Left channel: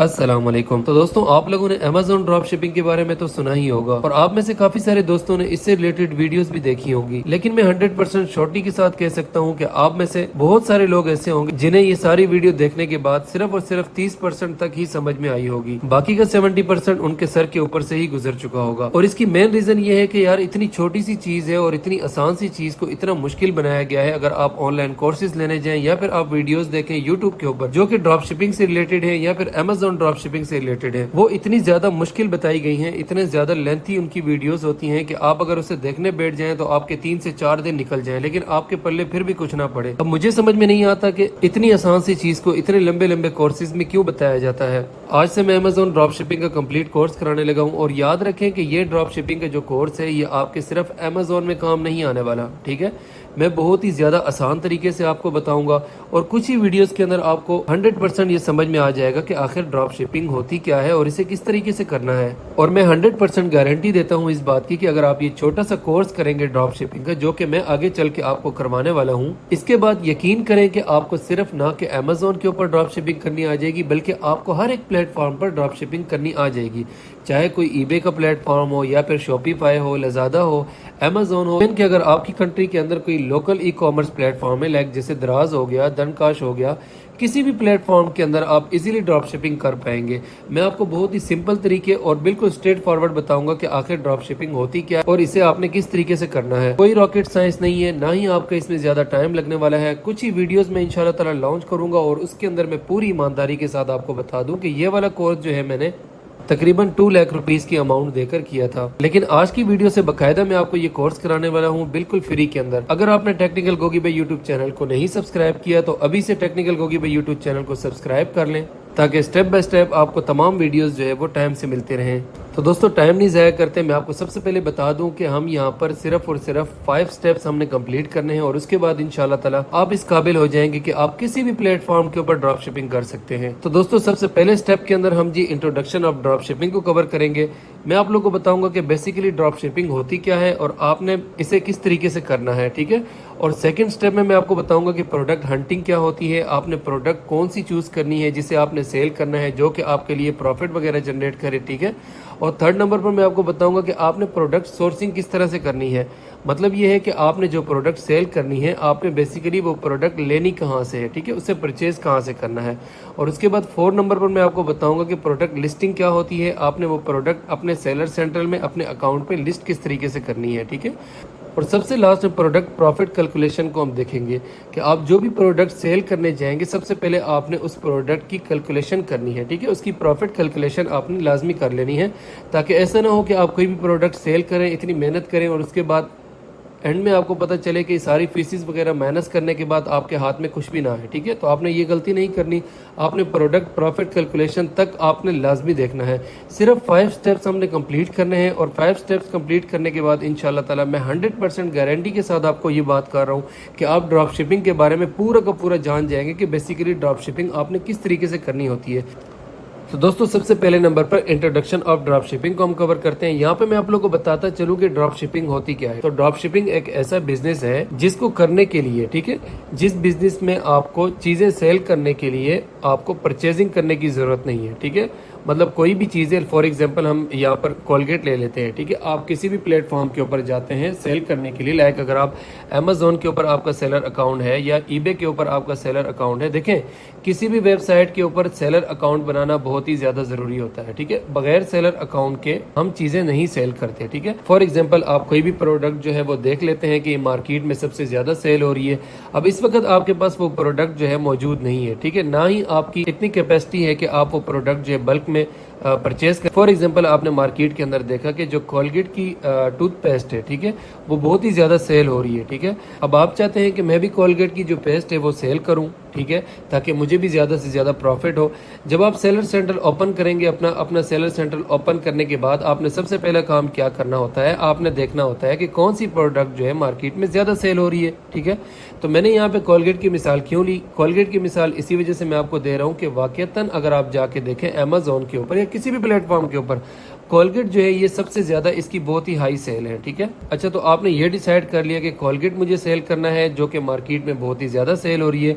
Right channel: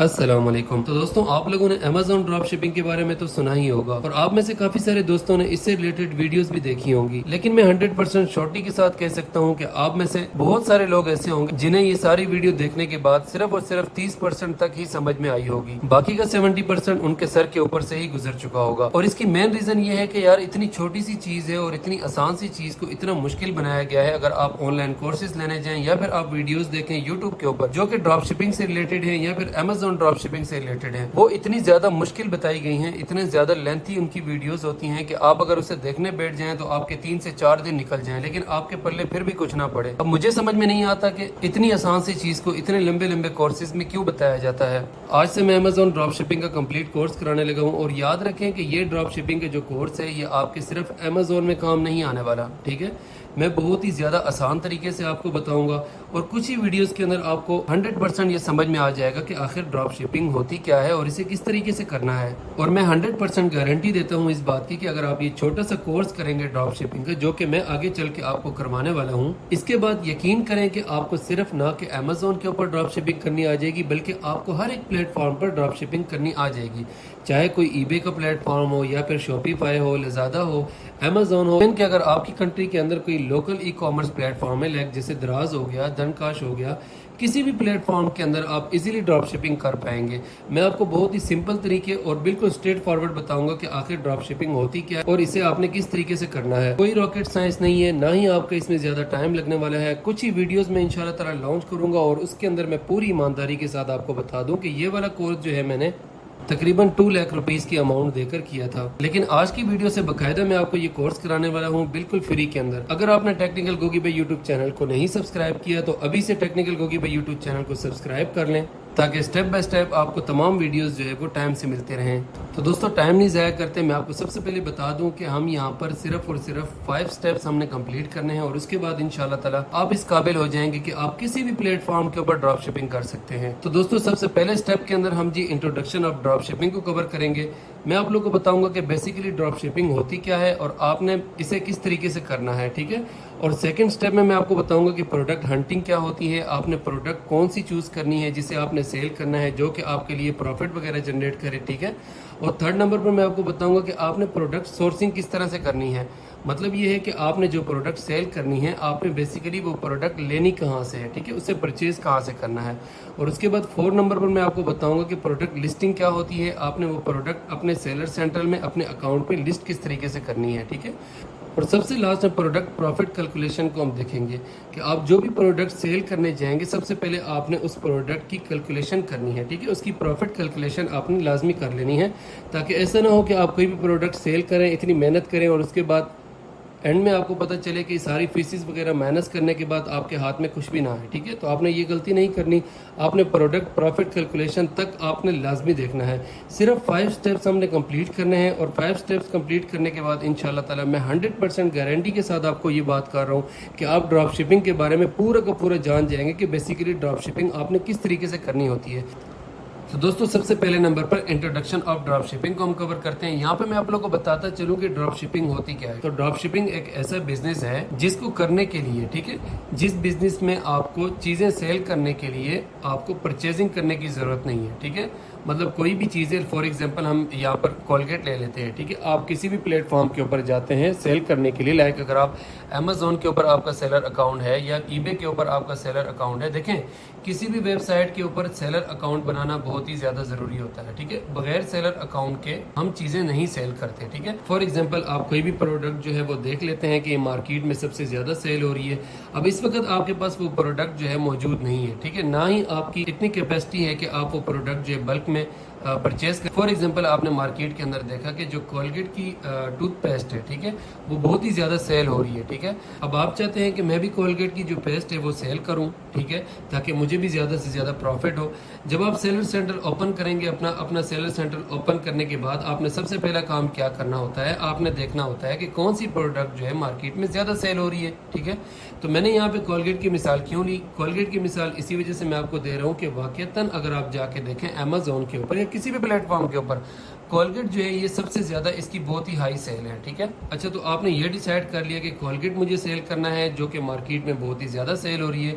अस्सलाम वालेकुम। तो दोस्तों, आप लोगों ने अमेज़न ड्रॉप शिपिंग के बारे में तो सुना ही होगा और आप में से काफी सारे दोस्तों ने इससे रिलेटेड वीडियोस भी देखी होंगी। लेकिन मैं 100% श्योरिटी के साथ कह सकता हूं कि आप में से बहुत सारे लोग ऐसे होंगे जिन्हें ये सारी वीडियो देखने के बाद सिर्फ और सिर्फ 30% तक ही समझ में आई होगी। बाकी का 70% उनके सर के ऊपर से ही गुजर चुका होगा। और इसकी मेन रीजन ये है कि यार इतनी छोटी सी चीज है और इतनी आसान सी चीज को इतना मुश्किल बनाया गया है। अगर आप ऑनलाइन कोर्सेज लेने जाएं या फिर आप वीडियोस देखें यूट्यूब के ऊपर जो कि ड्रॉप शिपिंग से रिलेटेड है या फिर अमेज़न ड्रॉप शिपिंग से रिलेटेड है, वो इतनी ज्यादा मुश्किल बताई गई हैं, इतने ज्यादा लेंथी उनकी वीडियोस होती हैं कि आप अगर उसे देखने बैठ जाएं तो आपके 3 से 4 दिन निकल जाएं, लेकिन आपके पल्ले फिर भी कुछ ना पड़े। अब मुझे समझ में नहीं आता कि इतनी आसान सी चीज को इतने लंबे लंबे कोर्सेज में क्यों बताया जाता है। आज से मैं अमेज़न ड्रॉप शिपिंग का कंप्लीट कोर्स कराने लगा हूँ और याद रखें कि ये ड्रॉप शिपिंग का जो कोर्स है ये आपके सिर्फ अमेज़न में काम नहीं आने वाला, ठीक है। मैं बहुत ही ज्यादा आसान तरीके से आपको बताऊंगा और कुछ ही वीडियोस के अंदर आपको 100% ये समझ में आ जाएगा कि आखिर ड्रॉप शिपिंग होती क्या है और इसे किस तरीके से करना है। और मैं 100% गारंटी देता हूँ इस बात की कि अगर आप ये छोटा सा कोर्स करेंगे ड्रॉप शिपिंग का, जो कि मैं आगे चल के आपको करवाने वाला हूँ, इसके बाद यकीन करें कि आपको सिर्फ ना कि अमेज़न के ऊपर ड्रॉप शिपिंग करनी आ जाएगी, बल्कि आपको हर एक प्लेटफॉर्म पर ड्रॉप शिपिंग करनी आ जाएगी। चाहे कोई ईबे का प्लेटफॉर्म हो या फिर शॉपिफाई हो, लजादा हो, अमेज़न हो, इनके अगर आपकी कंट्री के अंदर कोई लोकल ई कॉमर्स प्लेटफॉर्म है, लाइक जैसे दराज हो गया, दनकाश हो गया, किसी भी प्लेटफॉर्म के अंदर आप इजीली ड्रॉप शिपिंग कर पाएंगे। मैं आपको बहुत ही सिंपल तरीके और बिल्कुल स्ट्रेट फॉरवर्ड बताऊंगा कि आखिर ड्रॉप शिपिंग होती क्या है और इसे आपने किस तरीके से करना है। कोई रॉकेट साइंस नहीं है, ना ही आपका इसमें ज्यादा टाइम लगने वाला है। कुछ ही वीडियोस में इंशाल्लाह ताला लॉन्च करूंगा और उसके अंदर मैं पूरी ईमानदारी के साथ आपको बता दूं कि ये वाला कोर्स जो है मैंने तकरीबन 2 लाख रुपीस की अमाउंट देकर किया था। लेकिन आज की वीडियो से बकायदा मैं आपको ये कोर्स कराने वाला हूँ बिल्कुल फ्री के अंदर। अगर आपने टेक्निकल गोगी भाई यूट्यूब चैनल को नहीं सब्सक्राइब किया तो अभी से टेक्निकल गोगी भाई यूट्यूब चैनल को सब्सक्राइब कर लें ताकि स्टेप बाय स्टेप आपको तमाम वीडियोस जो है वो टाइम से मिलते रहें। तो दोस्तों, टाइम नहीं ज़ाया करते, मैं आपको सबसे पहले बता दूं कि हम यहाँ पर सिर्फ और सिर्फ 5 स्टेप्स हमने कंप्लीट करने हैं और उसके बाद इंशाल्लाह ताला आप इस काबिल हो जाएंगे कि आप किसी भी प्लेटफॉर्म के ऊपर ड्रॉप शिपिंग कर सकते हैं। तो दोस्तों, सबसे पहले स्टेप के अंदर हम जी इंट्रोडक्शन ऑफ ड्रॉप शिपिंग को कवर करेंगे। मैं आप लोगों को बताऊंगा कि बेसिकली ड्रॉप शिपिंग होती क्या है और आपने इसे किस तरीके से करना है, ठीक है। और सेकंड स्टेप में मैं आपको बताऊंगा कि प्रोडक्ट हंटिंग क्या होती है, आपने प्रोडक्ट कौन सी चूज करनी है जिसे आपने सेल करना है जो कि आपके लिए प्रॉफिट वगैरह जनरेट करे, ठीक है। और थर्ड नंबर पर मैं आपको बताऊंगा कि आपने प्रोडक्ट सोर्सिंग किस तरह से करनी है। मतलब ये है कि आपने जो प्रोडक्ट सेल करनी है आपने बेसिकली वो प्रोडक्ट लेनी कहाँ से है, ठीक है, उससे परचेज कहाँ से करना है। और उसके बाद 4 नंबर पर मैं आपको बताऊंगा कि प्रोडक्ट लिस्टिंग क्या होती है, आपने वो प्रोडक्ट अपने सेलर सेंटर में अपने अकाउंट में लिस्ट किस तरीके से करनी है, ठीक है। और सबसे लास्ट में प्रोडक्ट प्रॉफिट कैलकुलेशन को हम देखेंगे कि आप जो भी प्रोडक्ट सेल करने जाएंगे सबसे पहले आपने उस प्रोडक्ट की कैलकुलेशन करनी है, ठीक है, उसकी प्रॉफिट कैलकुलेशन आपने लाजमी कर लेनी है ताकि ऐसा ना हो कि आप कोई भी प्रोडक्ट सेल करें, इतनी मेहनत करें और उसके बाद एंड में आपको पता चले कि सारी फीसिस वगैरह माइनस करने के बाद आपके हाथ में कुछ भी ना है, ठीक है। तो आपने ये गलती नहीं करनी, आपने प्रोडक्ट प्रॉफिट कैलकुलेशन तक आपने लाजमी देखना है। सिर्फ 5 स्टेप्स हमने कंप्लीट करने हैं और 5 स्टेप्स कंप्लीट करने के बाद इंशाल्लाह ताला मैं 100% गारंटी के साथ आपको ये बात कर रहा हूँ कि आप ड्रॉप शिपिंग के बारे में पूरा का पूरा जान जाएंगे कि बेसिकली ड्रॉप शिपिंग आपने किस तरीके से करनी होती है। तो दोस्तों, सबसे पहले नंबर पर इंट्रोडक्शन ऑफ ड्रॉप शिपिंग को हम कवर करते हैं। यहाँ पे मैं आप लोगों को बताता चलूं कि ड्रॉप शिपिंग होती क्या है। तो ड्रॉप शिपिंग एक ऐसा बिजनेस है जिसको करने के लिए, ठीक है, जिस बिजनेस में आपको चीजें सेल करने के लिए आपको परचेजिंग करने की जरूरत नहीं है, ठीक है। मतलब कोई भी चीजें, फॉर एग्जांपल हम यहाँ पर कोलगेट ले लेते हैं, ठीक है। आप किसी भी प्लेटफॉर्म के ऊपर जाते हैं सेल करने के लिए, लाइक अगर आप अमेज़न के ऊपर आपका सेलर अकाउंट है या ईबे के ऊपर आपका सेलर अकाउंट है, देखें किसी भी वेबसाइट के ऊपर सेलर अकाउंट बनाना बहुत ही ज्यादा जरूरी होता है, ठीक है। बगैर सेलर अकाउंट के हम चीजें नहीं सेल करते, ठीक है। फॉर एग्जाम्पल आप कोई भी प्रोडक्ट जो है वो देख लेते हैं कि मार्केट में सबसे ज्यादा सेल हो रही है, अब इस वक्त आपके पास वो प्रोडक्ट जो है मौजूद नहीं है, ठीक है, ना ही आपकी इतनी कैपेसिटी है कि आप वो प्रोडक्ट जो है बल्क में परचेज कर। फॉर एग्जांपल आपने मार्केट के अंदर देखा कि जो कोलगेट की टूथपेस्ट है, ठीक है, वो बहुत ही ज्यादा सेल हो रही है, ठीक है। अब आप चाहते हैं कि मैं भी कोलगेट की जो पेस्ट है वो सेल करूं, ठीक है, ताकि मुझे भी ज्यादा से ज्यादा प्रॉफिट हो। जब आप सेलर सेंटर ओपन करेंगे, अपना सेलर सेंटर ओपन करने के बाद आपने सबसे पहला काम क्या करना होता है, आपने देखना होता है कि कौन सी प्रोडक्ट जो है मार्केट में ज्यादा सेल हो रही है, ठीक है। तो मैंने यहाँ पे कोलगेट की मिसाल क्यों ली, कोलगेट की मिसाल इसी वजह से मैं आपको दे रहा हूँ कि वाकईतन अगर आप जाके देखें अमेज़न के ऊपर या किसी भी प्लेटफॉर्म के ऊपर कोलगेट जो है ये सबसे ज्यादा इसकी बहुत ही हाई सेल है, ठीक है। अच्छा, तो आपने ये डिसाइड कर लिया कि कोलगेट मुझे सेल करना है जो कि मार्केट में बहुत ही ज्यादा सेल हो रही है।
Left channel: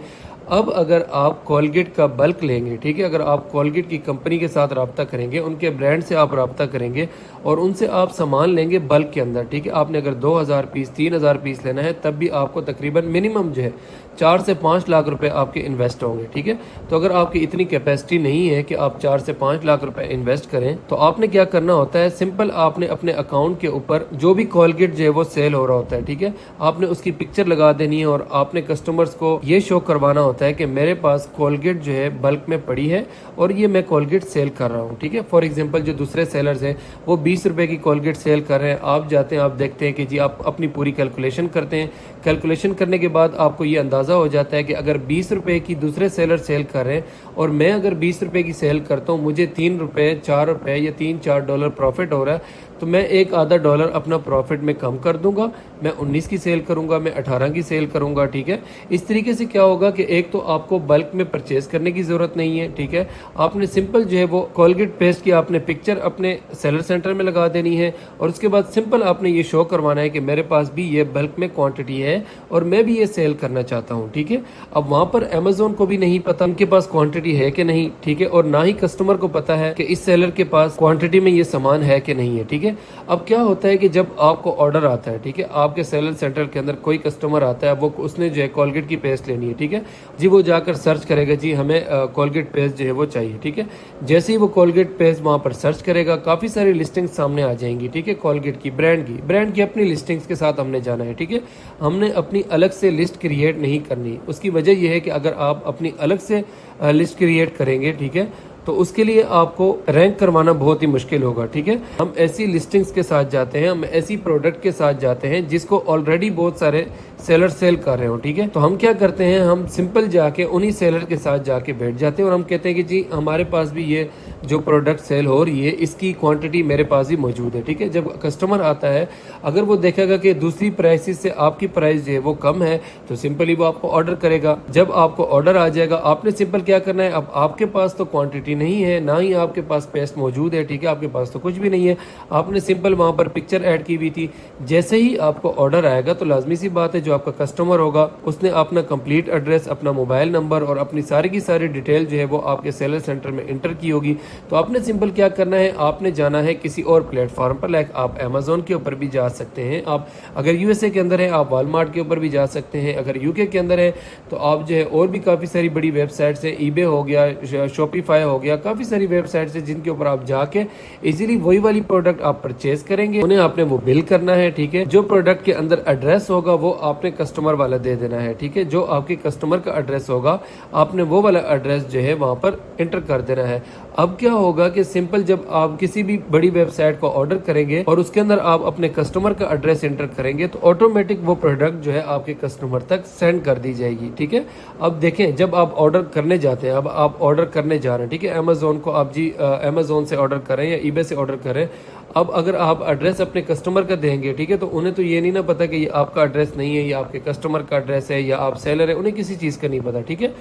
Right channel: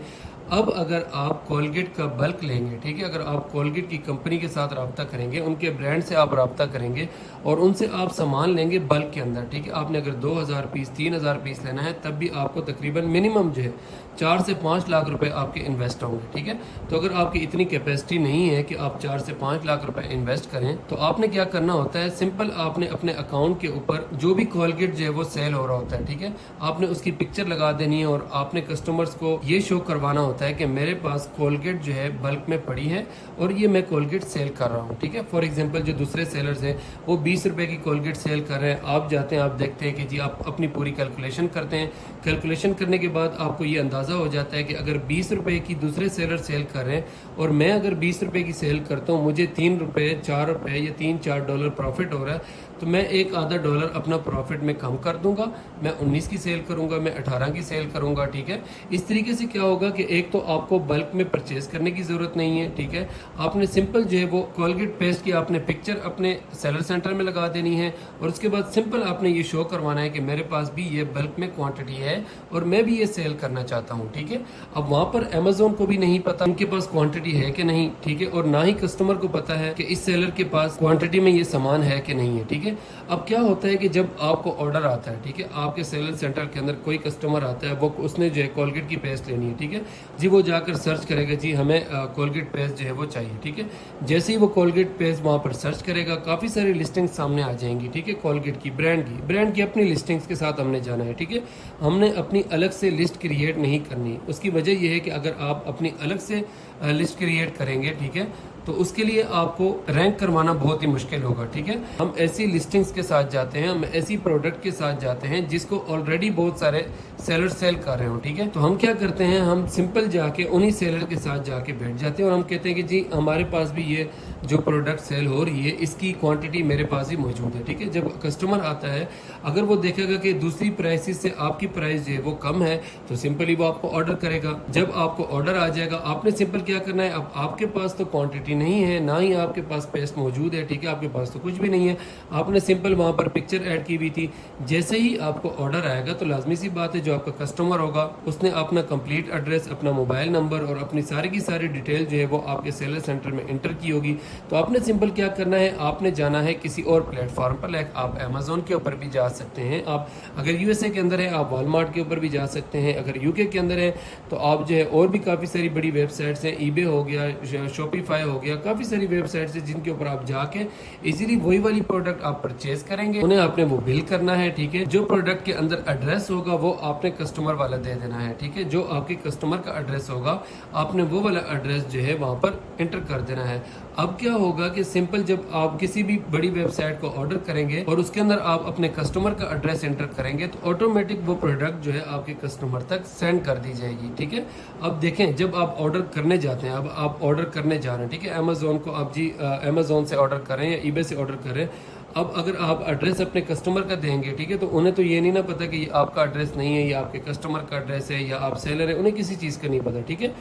अब अगर आप कोलगेट का बल्क लेंगे, ठीक है, अगर आप कोलगेट की कंपनी के साथ रब्ता करेंगे, उनके ब्रांड से आप रब्ता करेंगे और उनसे आप सामान लेंगे बल्क के अंदर, ठीक है, आपने अगर 2000 पीस 3000 पीस लेना है तब भी आपको तकरीबन मिनिमम जो है 4 से 5 लाख रुपए आपके इन्वेस्ट होंगे, ठीक है। तो अगर आपकी इतनी कैपेसिटी नहीं है कि आप 4 से 5 लाख रुपए इन्वेस्ट करें, तो आपने क्या करना होता है, सिंपल आपने अपने अकाउंट के ऊपर जो भी कोलगेट जो है वो सेल हो रहा होता है, ठीक है, आपने उसकी पिक्चर लगा देनी है और आपने कस्टमर्स को ये शो करवाना होता है कि मेरे पास कोलगेट जो है बल्क में पड़ी है और ये मैं कोलगेट सेल कर रहा हूँ, ठीक है। फॉर एग्जाम्पल जो दूसरे सेलर्स हैं वो 20 रुपए की कोलगेट सेल कर रहे हैं, आप जाते हैं, आप देखते हैं कि जी आप अपनी पूरी कैलकुलेशन करते हैं, कैलकुलेशन करने के बाद आपको ये अंदाजा हो जाता है कि अगर 20 रुपए की दूसरे सेलर सेल कर रहे हैं और मैं अगर 20 रुपए की सेल करता हूँ, मुझे 3 रुपए 4 रुपए या $3-4 प्रॉफिट हो रहा है, तो मैं एक आधा डॉलर अपना प्रॉफिट में कम कर दूंगा, मैं 19 की सेल करूंगा, मैं 18 की सेल करूंगा, ठीक है। इस तरीके से क्या होगा कि एक तो आपको बल्क में परचेज करने की जरूरत नहीं है, ठीक है, आपने सिंपल जो है वो कोलगेट पेस्ट की आपने पिक्चर अपने सेलर सेंटर में लगा देनी है और उसके बाद सिंपल आपने ये शो करवाना है कि मेरे पास भी ये बल्क में क्वांटिटी है और मैं भी ये सेल करना चाहता हूँ, ठीक है। अब वहां पर अमेजोन को भी नहीं पता उनके पास क्वांटिटी है कि नहीं, ठीक है, और ना ही कस्टमर को पता है कि इस सेलर के पास क्वांटिटी में ये सामान है कि नहीं है, ठीक है। अब क्या होता है कि जब आपको ऑर्डर आता है, ठीक है, आपके सेलर सेंटर के अंदर कोई कस्टमर आता है, वो उसने जो है कोलगेट की पेस्ट लेनी है, ठीक है जी, वो जाकर सर्च करेगा जी हमें कोलगेट पेस्ट जो है वो चाहिए, ठीक है। जैसे ही वो कोलगेट पेस्ट वहां पर सर्च करेगा काफी सारी लिस्टिंग सामने आ जाएंगी, ठीक है, कोलगेट की ब्रांड की अपनी लिस्टिंग्स के साथ हमने जाना है, ठीक है, हमने अपनी अलग से लिस्ट क्रिएट नहीं करनी। उसकी वजह यह है कि अगर आप अपनी अलग से लिस्ट क्रिएट करेंगे, ठीक है, तो उसके लिए आपको रैंक करवाना बहुत ही मुश्किल होगा, ठीक है। हम ऐसी लिस्टिंग्स के साथ जाते हैं, हम ऐसी प्रोडक्ट के साथ जाते हैं जिसको ऑलरेडी बहुत सारे सेलर सेल कर रहे हो, ठीक है। तो हम क्या करते हैं, हम सिंपल जाके उन्हीं सेलर के साथ जाके बैठ जाते हैं और हम कहते हैं कि जी हमारे पास भी ये जो प्रोडक्ट सेल हो रही है इसकी क्वांटिटी मेरे पास ही मौजूद है, ठीक है। जब कस्टमर आता है अगर वो देखेगा कि दूसरी प्राइसेस से आपकी प्राइस जो है वो कम है तो सिंपली वो आपको ऑर्डर करेगा। जब आपको ऑर्डर आ जाएगा आपने सिंपल क्या करना है, अब आपके पास तो क्वांटिटी नहीं है, ना ही आपके पास पेस्ट मौजूद है, ठीक है, आपके पास तो कुछ भी नहीं है, आपने सिंपल वहां पर पिक्चर ऐड की हुई थी। जैसे ही आपको ऑर्डर आएगा तो लाजमी सी बात है जो आपका कस्टमर होगा उसने अपना कंप्लीट एड्रेस, अपना मोबाइल नंबर और अपनी सारी की सारी डिटेल जो है वो आपके सेलर सेंटर में इंटर की होगी। तो आपने सिंपल क्या करना है, आपने जाना है किसी और प्लेटफॉर्म पर, लाइक आप अमेजोन के ऊपर भी जा सकते हैं, आप अगर यूएसए के अंदर है आप वॉलमार्ट के ऊपर भी जा सकते हैं, अगर यूके के अंदर है तो आप जो है और भी काफी सारी बड़ी वेबसाइट्स हैं, ईबे हो गया, शॉपिफाई हो गया, काफी सारी वेबसाइट्स हैं जिनके ऊपर आप जाके इजीली वही वाली प्रोडक्ट आप परचेज करेंगे, उन्हें आपने वो बिल करना है, ठीक है। जो प्रोडक्ट के अंदर एड्रेस होगा वो आपने कस्टमर वाला दे देना है, ठीक है, जो आपके कस्टमर का एड्रेस होगा आपने वो वाला एड्रेस जो है वहां पर एंटर कर देना है। अब क्या होगा कि सिंपल जब आप किसी भी बड़ी वेबसाइट को ऑर्डर करेंगे और उसके अंदर आप अपने कस्टमर का एड्रेस एंटर करेंगे तो ऑटोमेटिक वो प्रोडक्ट जो है आपके कस्टमर तक सेंड कर दी जाएगी, ठीक है। अब देखें जब आप ऑर्डर करने जाते हैं, अब आप ऑर्डर करने जा रहे हैं, ठीक है, अमेजोन को आप जी अमेजोन से ऑर्डर करें या ईबे से ऑर्डर करें, अब अगर आप एड्रेस अपने कस्टमर का देंगे, ठीक है, तो उन्हें तो ये नहीं ना पता कि ये आपका एड्रेस नहीं है, ये आपके कस्टमर का एड्रेस है या आप सेलर है, उन्हें किसी चीज का नहीं पता, ठीक है।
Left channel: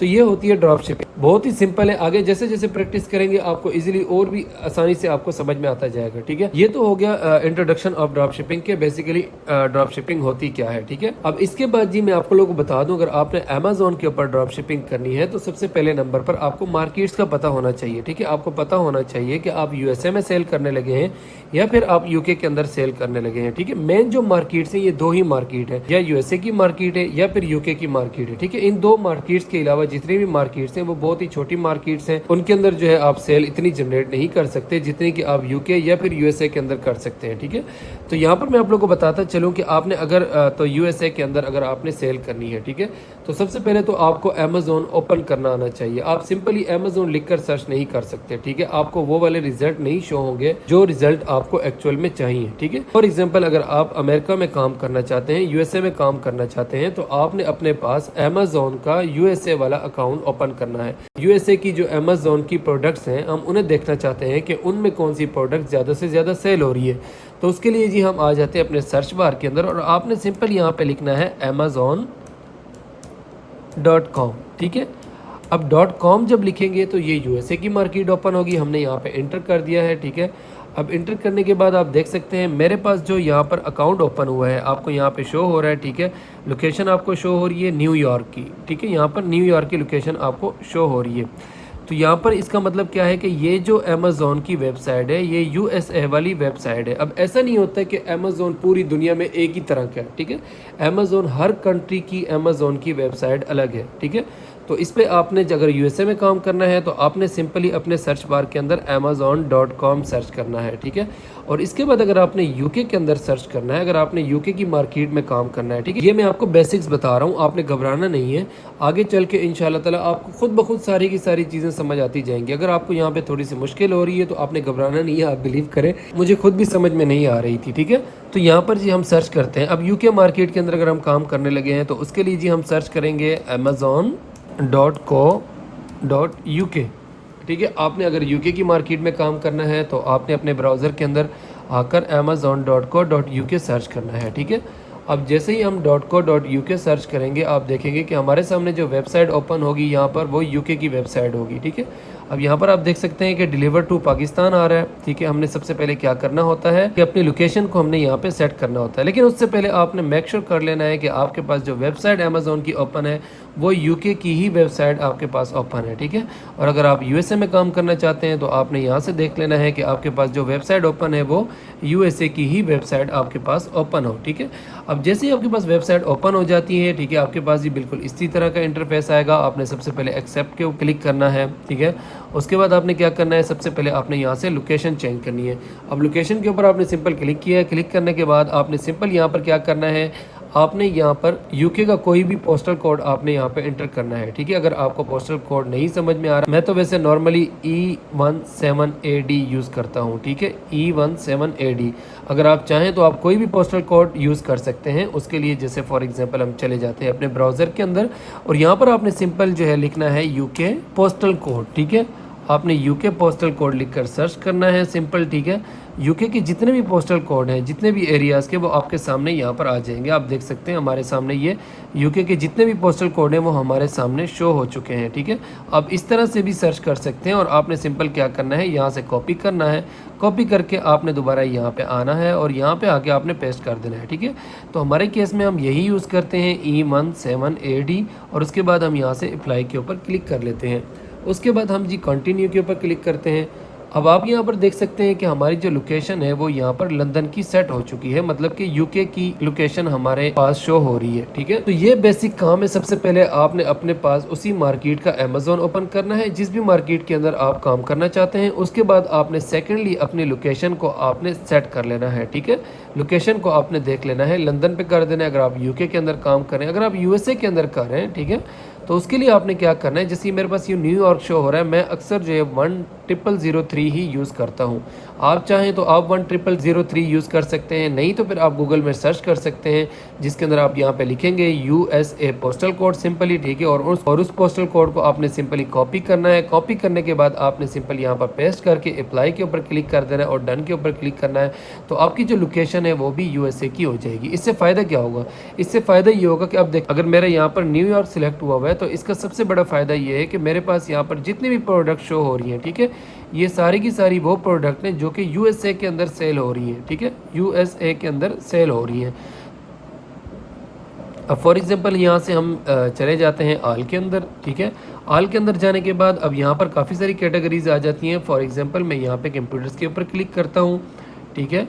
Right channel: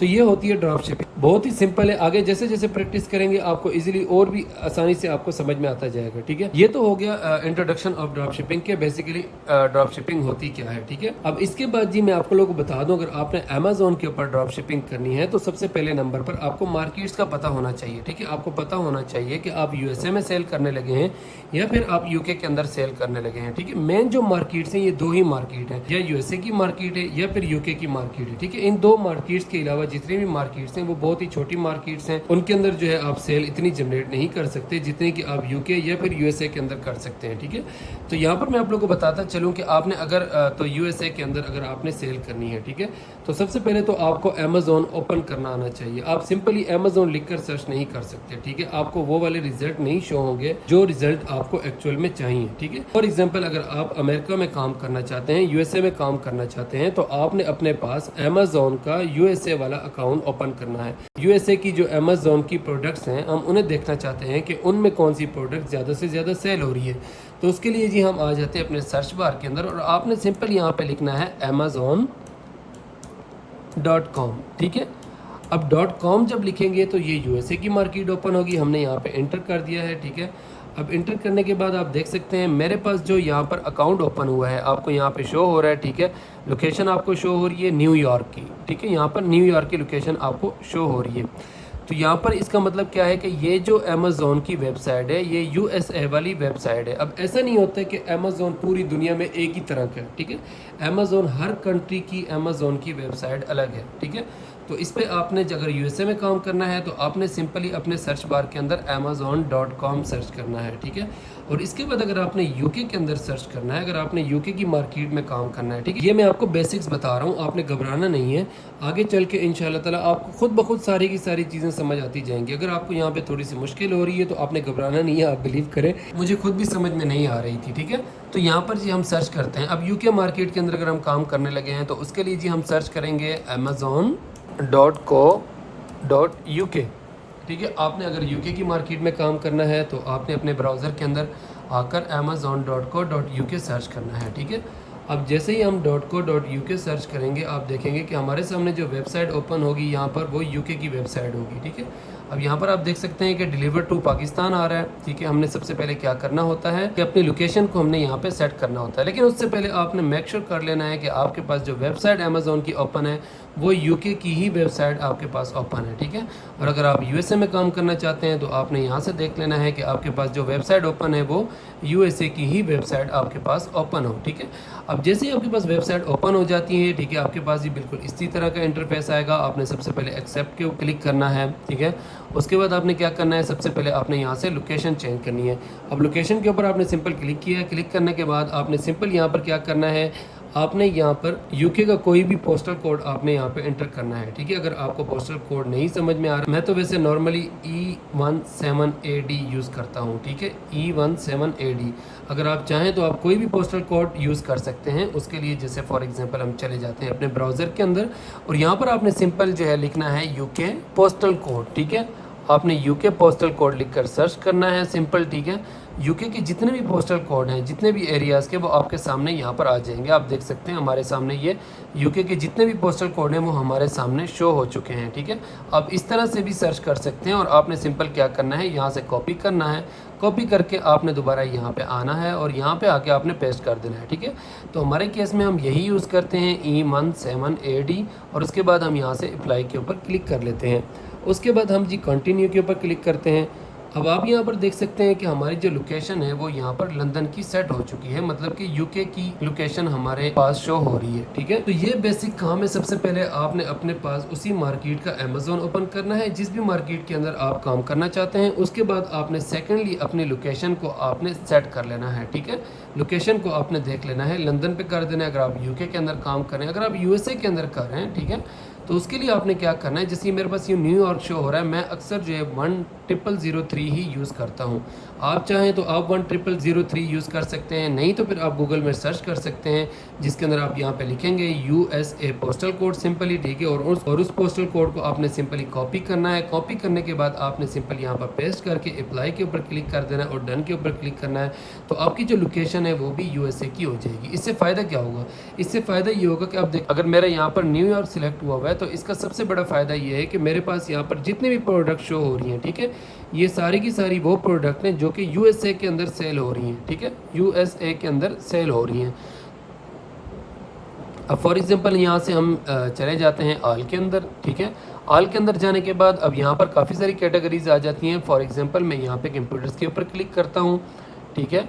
तो ये होती है ड्रॉप शिपिंग, बहुत ही सिंपल है। आगे जैसे जैसे प्रैक्टिस करेंगे आपको इजीली और भी आसानी से आपको समझ में आता जाएगा, ठीक है। ये तो हो गया इंट्रोडक्शन ऑफ ड्रॉप शिपिंग के, बेसिकली ड्रॉप शिपिंग होती क्या है, ठीक है। अब इसके बाद जी मैं आपको लोगों को बता दूं, अगर आपने अमेजोन के ऊपर ड्रॉप शिपिंग करनी है तो सबसे पहले नंबर पर आपको मार्केट्स का पता होना चाहिए, ठीक है। आपको पता होना चाहिए कि आप यूएसए में सेल करने लगे हैं या फिर आप यूके के अंदर सेल करने लगे हैं, ठीक है। मेन जो मार्केट्स हैं ये दो ही मार्केट है, या यूएसए की मार्केट है या फिर यूके की मार्केट है, ठीक है। इन दो मार्केट्स के अलावा जितनी भी मार्केट्स हैं वो बहुत ही छोटी मार्केट्स हैं, उनके अंदर जो है आप सेल इतनी जनरेट नहीं कर सकते जितनी कि आप यूके या फिर यूएसए के अंदर कर सकते हैं, ठीक है। तो यहाँ पर मैं आप लोगों को बताता चलूं कि आपने अगर तो यूएसए के अंदर अगर आपने सेल करनी है, ठीक है, तो सबसे पहले तो आपको अमेजोन ओपन करना आना चाहिए। आप सिंपली अमेजोन लिखकर सर्च नहीं कर सकते, ठीक है, आपको वो वाले रिजल्ट नहीं शो होंगे जो रिजल्ट आपको एक्चुअल में चाहिए, ठीक है। फॉर एग्जाम्पल अगर आप अमेरिका में काम करना चाहते हैं, यूएसए में काम करना चाहते हैं, तो आपने अपने पास अमेजोन का यूएसए वाला अकाउंट ओपन करना है। यूएसए की जो अमेजोन की प्रोडक्ट्स हैं हम उन्हें देखना चाहते हैं कि उनमें कौन सी प्रोडक्ट ज्यादा से ज्यादा सेल हो रही है, तो उसके लिए जी हम आ जाते हैं अपने सर्च बार के अंदर और आपने सिंपल यहाँ पे लिखना है amazon.com, ठीक है। अब .com जब लिखेंगे तो ये यूएसए की मार्केट ओपन होगी, हमने यहाँ पे एंटर कर दिया है, ठीक है। अब इंटर करने के बाद आप देख सकते हैं मेरे पास जो यहाँ पर अकाउंट ओपन हुआ है आपको यहाँ पे शो हो रहा है, ठीक है। लोकेशन आपको शो हो रही है न्यूयॉर्क की, ठीक है। यहाँ पर न्यूयॉर्क की लोकेशन आपको शो हो रही है। तो यहाँ पर इसका मतलब क्या है कि ये जो अमेज़ॉन की वेबसाइट है ये यूएसए वाली वेबसाइट है। अब ऐसा नहीं होता है कि अमेज़ॉन पूरी दुनिया में एक ही तरह का है, ठीक है। अमेज़ॉन हर कंट्री की अमेज़ॉन की वेबसाइट अलग है, ठीक है। तो इस पर आपने अगर यूएसए में काम करना है तो आपने सिंपली अपने सर्च बार के अंदर amazon.com सर्च करना है, ठीक है। और इसके बाद अगर आपने यूके के अंदर सर्च करना है, अगर आपने यूके की मार्केट में काम करना है, ठीक है। ये मैं आपको बेसिक्स बता रहा हूँ, आपने घबराना नहीं है। आगे चल के इंशाल्लाह ताला आपको खुद ब खुद सारी की सारी चीज़ें समझ आती जाएंगी। अगर आपको यहाँ पे थोड़ी सी मुश्किल हो रही है तो आपने घबराना नहीं है, आप बिलीव करें मुझे खुद भी समझ में नहीं आ रही थी, ठीक है। तो यहाँ पर जी हम सर्च करते हैं। अब यूके मार्केट के अंदर अगर हम काम करने लगे हैं तो उसके लिए जी हम सर्च करेंगे amazon.co.uk, ठीक है। आपने अगर यूके की मार्केट में काम करना है तो आपने अपने ब्राउज़र के अंदर आकर amazon.co.uk सर्च करना है, ठीक है। अब जैसे ही हम .co.uk सर्च करेंगे आप देखेंगे कि हमारे सामने जो वेबसाइट ओपन होगी यहाँ पर वो यूके की वेबसाइट होगी, ठीक है। अब यहाँ पर आप देख सकते हैं कि डिलीवर टू पाकिस्तान आ रहा है, ठीक है। हमने सबसे पहले क्या करना होता है कि अपनी लोकेशन को हमने यहाँ पे सेट करना होता है, लेकिन उससे पहले आपने मेक श्योर कर लेना है कि आपके पास जो वेबसाइट अमेज़ॉन की ओपन है वो यूके की ही वेबसाइट आपके पास ओपन है, ठीक है। और अगर आप यूएसए में काम करना चाहते हैं तो आपने यहाँ से देख लेना है कि आपके पास जो वेबसाइट ओपन है वो यूएसए की ही वेबसाइट आपके पास ओपन हो, ठीक है। अब जैसे ही आपके पास वेबसाइट ओपन हो जाती है, ठीक है, आपके पास ये बिल्कुल इसी तरह का इंटरफेस आएगा। आपने सबसे पहले एक्सेप्ट के ऊपर क्लिक करना है, ठीक है। उसके बाद आपने क्या करना है, सबसे पहले आपने यहाँ से लोकेशन चेंज करनी है। अब लोकेशन के ऊपर आपने सिंपल क्लिक किया है। क्लिक करने के बाद आपने सिंपल यहाँ पर क्या करना है, आपने यहाँ पर यूके का कोई भी पोस्टल कोड आपने यहाँ पे एंटर करना है, ठीक है। अगर आपको पोस्टल कोड नहीं समझ में आ रहा, मैं तो वैसे नॉर्मली E17AD यूज़ करता हूँ, ठीक है, E17AD। अगर आप चाहें तो आप कोई भी पोस्टल कोड यूज़ कर सकते हैं। उसके लिए जैसे फॉर एग्जांपल हम चले जाते हैं अपने ब्राउज़र के अंदर और यहाँ पर आपने सिंपल जो है लिखना है यूके पोस्टल कोड, ठीक है। आपने यूके पोस्टल कोड लिखकर सर्च करना है सिंपल, ठीक है। यूके के जितने भी पोस्टल कोड हैं, जितने भी एरियाज़ के, वो आपके सामने यहाँ पर आ जाएंगे। आप देख सकते हैं हमारे सामने ये यूके के जितने भी पोस्टल कोड हैं वो हमारे सामने शो हो चुके हैं, ठीक है। अब इस तरह से भी सर्च कर सकते हैं और आपने सिंपल क्या करना है, यहाँ से कॉपी करना है। कॉपी करके आपने दोबारा यहाँ पे आना है और यहाँ पे आके आपने पेस्ट कर देना है, ठीक है। तो हमारे केस में हम यही यूज़ करते हैं E17AD और उसके बाद हम यहाँ से अप्लाई के ऊपर क्लिक कर लेते हैं। उसके बाद हम जी कंटिन्यू के ऊपर क्लिक करते हैं। अब आप यहाँ पर देख सकते हैं कि हमारी जो लोकेशन है वो यहाँ पर लंदन की सेट हो चुकी है, मतलब कि यूके की लोकेशन हमारे पास शो हो रही है, ठीक है। तो ये बेसिक काम है। सबसे पहले आपने अपने पास उसी मार्केट का अमेज़ॉन ओपन करना है जिस भी मार्केट के अंदर आप काम करना चाहते हैं। उसके बाद आपने सेकेंडली अपनी लोकेशन को आपने सेट कर लेना है, ठीक है। लोकेशन को आपने देख लेना है, लंदन पे कर देना है अगर आप यूके के अंदर काम करें। अगर आप यूएसए के अंदर कर रहे हैं, ठीक है, तो उसके लिए आपने क्या करना है, जैसे मेरे पास ये न्यूयॉर्क शो हो रहा है, मैं अक्सर जो है 1003 ही यूज़ करता हूँ। आप चाहें तो आप 1003 यूज़ कर सकते हैं, नहीं तो फिर आप गूगल में सर्च कर सकते हैं जिसके अंदर आप यहाँ पे लिखेंगे यूएसए पोस्टल कोड सिंपली, ठीक है। और उस पोस्टल कोड को आपने सिंपली कॉपी करना है। कॉपी करने के बाद आपने सिंपल यहाँ पर पेस्ट करके अप्लाई के ऊपर क्लिक कर देना है और डन के ऊपर क्लिक करना है। तो आपकी जो लोकेशन है वो भी यूएसए की हो जाएगी। इससे फ़ायदा क्या होगा, इससे फ़ायदा ये होगा कि अब देख, अगर मेरे यहाँ पर न्यूयॉर्क सिलेक्ट हुआ है तो इसका सबसे बड़ा फ़ायदा ये है कि मेरे पास यहाँ पर जितने भी प्रोडक्ट शो हो रही हैं, ठीक है, ये सारी की सारी वो प्रोडक्ट हैं जो कि यूएसए के अंदर सेल हो रही हैं, ठीक है, यूएसए के अंदर सेल हो रही हैं। अब फॉर एग्जांपल यहाँ से हम चले जाते हैं आल के अंदर, ठीक है। आल के अंदर जाने के बाद अब यहाँ पर काफ़ी सारी कैटेगरीज आ जाती हैं। फॉर एग्जांपल मैं यहाँ पे कंप्यूटर्स के ऊपर क्लिक करता हूँ, ठीक है।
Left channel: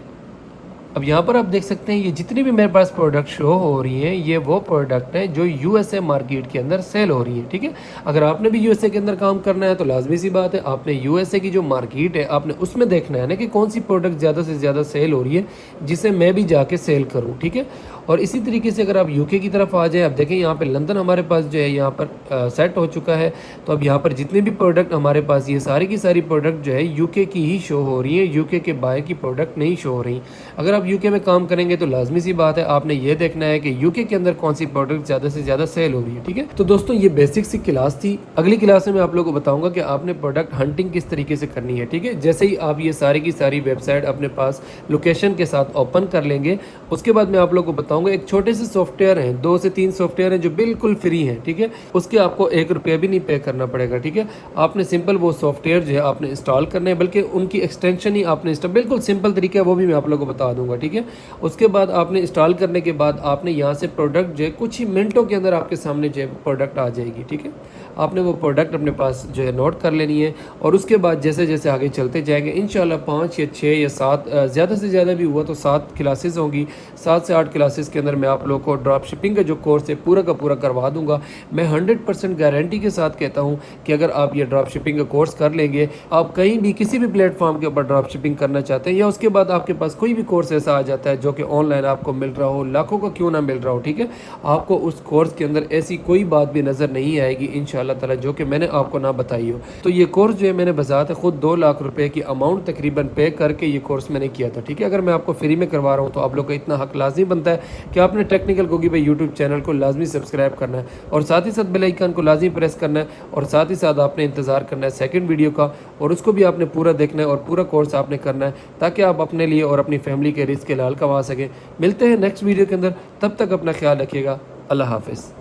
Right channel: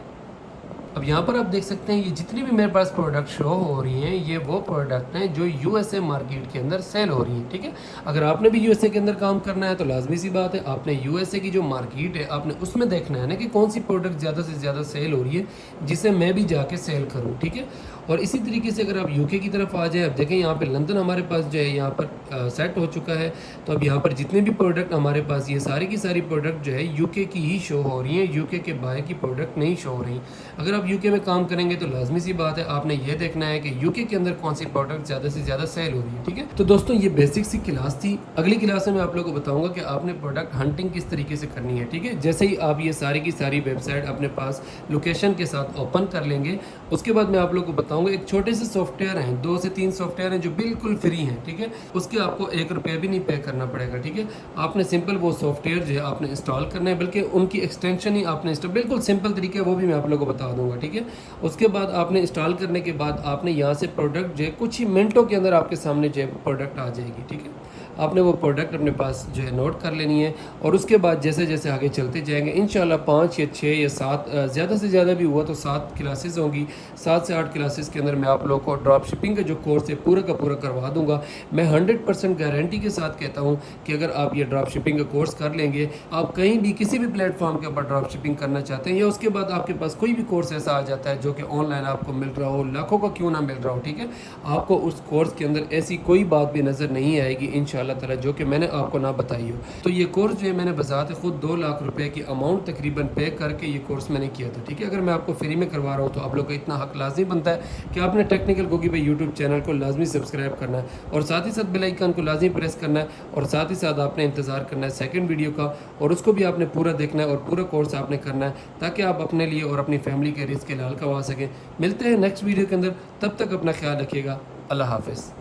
अब यहाँ पर आप देख सकते हैं ये जितनी भी मेरे पास प्रोडक्ट शो हो रही हैं ये वो प्रोडक्ट हैं जो यूएसए मार्केट के अंदर सेल हो रही हैं, ठीक है। अगर आपने भी यूएसए के अंदर काम करना है तो लाजमी सी बात है आपने यूएसए की जो मार्केट है आपने उसमें देखना है ना कि कौन सी प्रोडक्ट ज़्यादा से ज़्यादा सेल हो रही है जिसे मैं भी जाके सेल करूँ, ठीक है। और इसी तरीके से अगर आप यूके की तरफ आ जाएँ, अब देखें यहाँ पर लंदन हमारे पास जो है यहाँ पर सेट हो चुका है। तो अब यहाँ पर जितने भी प्रोडक्ट हमारे पास ये सारी की सारी प्रोडक्ट जो है यूके की ही शो हो रही हैं, यूके के बाहर की प्रोडक्ट नहीं शो हो रही। अगर आप यूके में काम करेंगे तो लाजमी सी बात है आपने ये देखना है कि यूके के अंदर कौन सी प्रोडक्ट ज़्यादा से ज़्यादा सेल हो रही है, ठीक है। तो दोस्तों ये बेसिक सी क्लास थी। अगली क्लास में मैं आप लोगों को बताऊंगा कि आपने प्रोडक्ट हंटिंग किस तरीके से करनी है, ठीक है। जैसे ही आप ये सारी की सारी वेबसाइट अपने पास लोकेशन के साथ ओपन कर लेंगे उसके बाद मैं आप लोग को बताऊंगा। एक छोटे से सॉफ्टवेयर हैं, 2 से 3 सॉफ्टवेयर हैं जो बिल्कुल फ्री हैं, ठीक है। उसके आपको 1 रुपया भी नहीं पे करना पड़ेगा, ठीक है। आपने सिंपल वो सॉफ्टवेयर जो है आपने इंस्टॉल करने हैं, बल्कि उनकी एक्सटेंशन ही आपने इंस्टॉल, बिल्कुल सिंपल तरीका है, वो भी मैं आप लोगों को बता दूंगा, ठीक है। उसके बाद आपने इंस्टॉल करने के बाद आपने यहाँ से प्रोडक्ट जो है कुछ ही मिनटों के अंदर आपके सामने जो है प्रोडक्ट आ जाएगी, ठीक है। आपने वो प्रोडक्ट अपने पास जो है नोट कर लेनी है, और उसके बाद जैसे जैसे आगे चलते जाएंगे इंशाल्लाह 5 या 6 या 7, ज़्यादा से ज़्यादा भी हुआ तो 7 क्लासेस होंगी। 7 से 8 क्लासेस के अंदर मैं आप लोगों को ड्रॉप शिपिंग का जो कोर्स है पूरा का पूरा करवा दूंगा। मैं 100% गारंटी के साथ कहता हूँ कि अगर आप ये ड्रॉप शिपिंग का कोर्स कर लेंगे, आप कहीं भी किसी भी प्लेटफॉर्म के ऊपर ड्रॉप शिपिंग करना चाहते हैं, या उसके बाद आपके पास कोई भी कोर्स ऐसा आ जाता है जो कि ऑनलाइन आपको मिल रहा हो, लाखों का क्यों ना मिल रहा हो, ठीक है, आपको उस कोर्स के अंदर ऐसी कोई बात भी नज़र नहीं आएगी इंशाल्लाह ताला जो कि मैंने आपको ना बताई हो। तो ये कोर्स जो है मैंने बजाते खुद 2 लाख रुपए की अमाउंट तकरीबन पे करके ये कोर्स मैंने किया था, ठीक है। अगर मैं आपको फ्री में करवा रहा हूँ तो आप लोग का इतना हक लाजमी बनता है कि आपने टेक्निकल गोगी भाई यूट्यूब चैनल को लाजमी सब्सक्राइब करना है, और साथ ही साथ बेल आइकन को लाजमी प्रेस करना है, और साथ ही साथ आपने इंतज़ार करना है सेकंड वीडियो का, और उसको भी आपने पूरा देखना है और पूरा कोर्स आपने करना है, ताकि आप अपने लिए और अपनी फैमिली के रिस्क के लाल कमा सकें। मिलते हैं नेक्स्ट वीडियो के अंदर, तब तक अपना ख्याल रखिएगा। अल्लाह हाफिज़।